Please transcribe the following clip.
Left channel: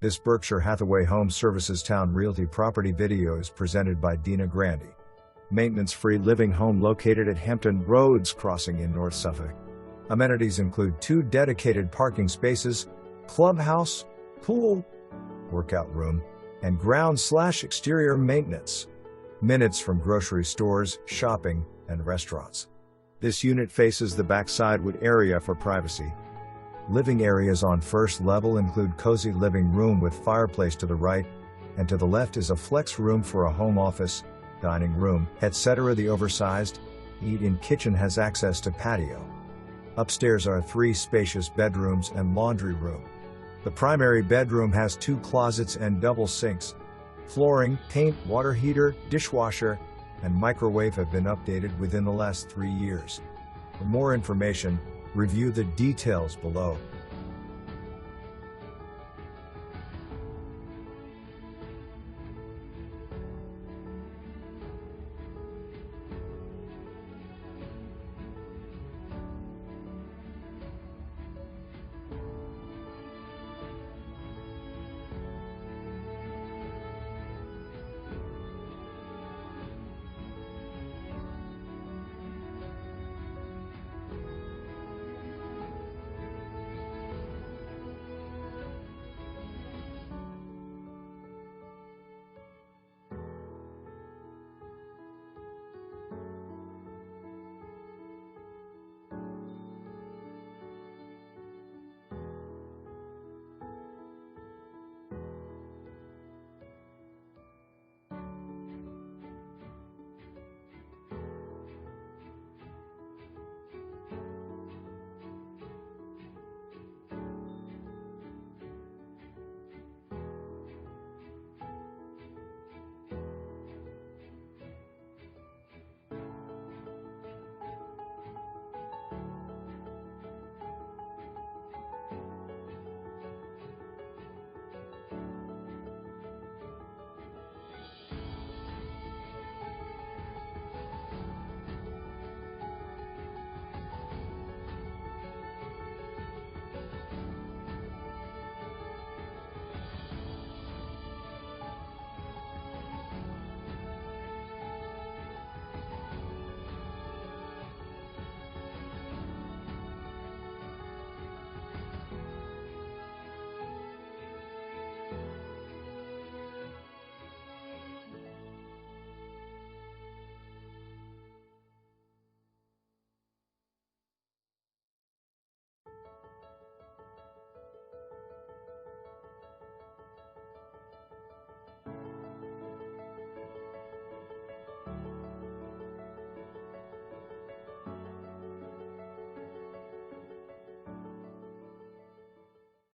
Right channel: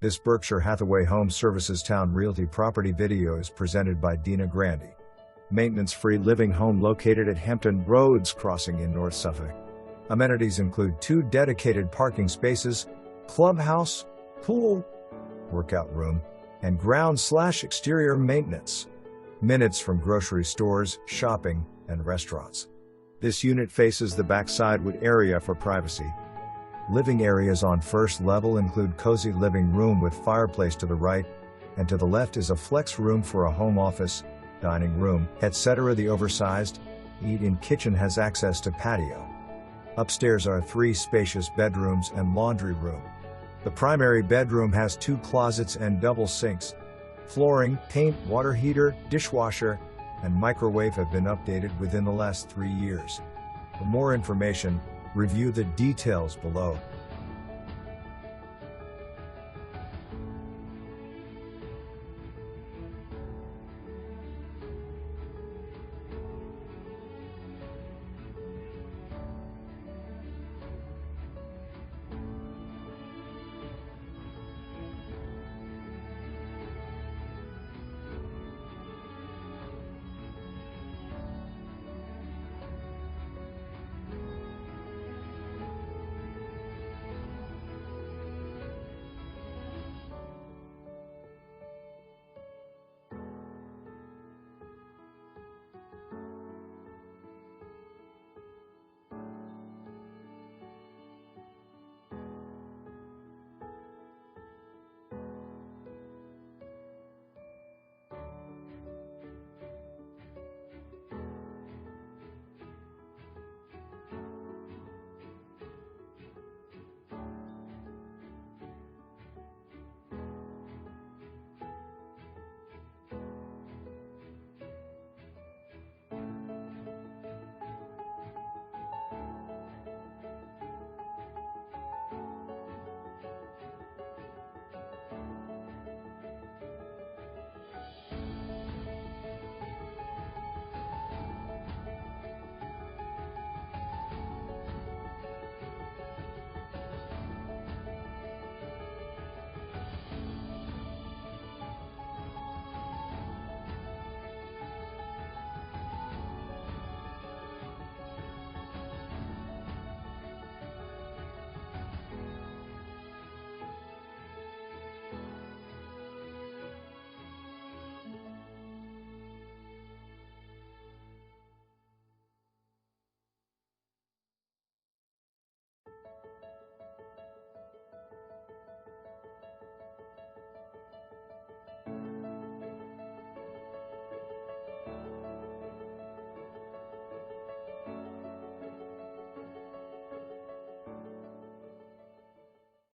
This Berkshire Hathaway Home Services Towne Realty property video is presented by Dina Grandi. Maintenance-free living home located at Hampton Roads Crossing in North Suffolk. Amenities include 2 dedicated parking spaces, clubhouse, pool, workout room, and ground/exterior maintenance. Minutes from grocery stores, shopping, and restaurants. This unit faces the backside wood area for privacy. Living areas on first level include cozy living room with fireplace to the right, and to the left is a flex room for a home office, dining room, etc. The oversized, eat-in kitchen has access to patio. Upstairs are 3 spacious bedrooms and laundry room. The primary bedroom has 2 closets and double sinks. Flooring, paint, water heater, dishwasher, and microwave have been updated within the last 3 years. For more information, review the details below.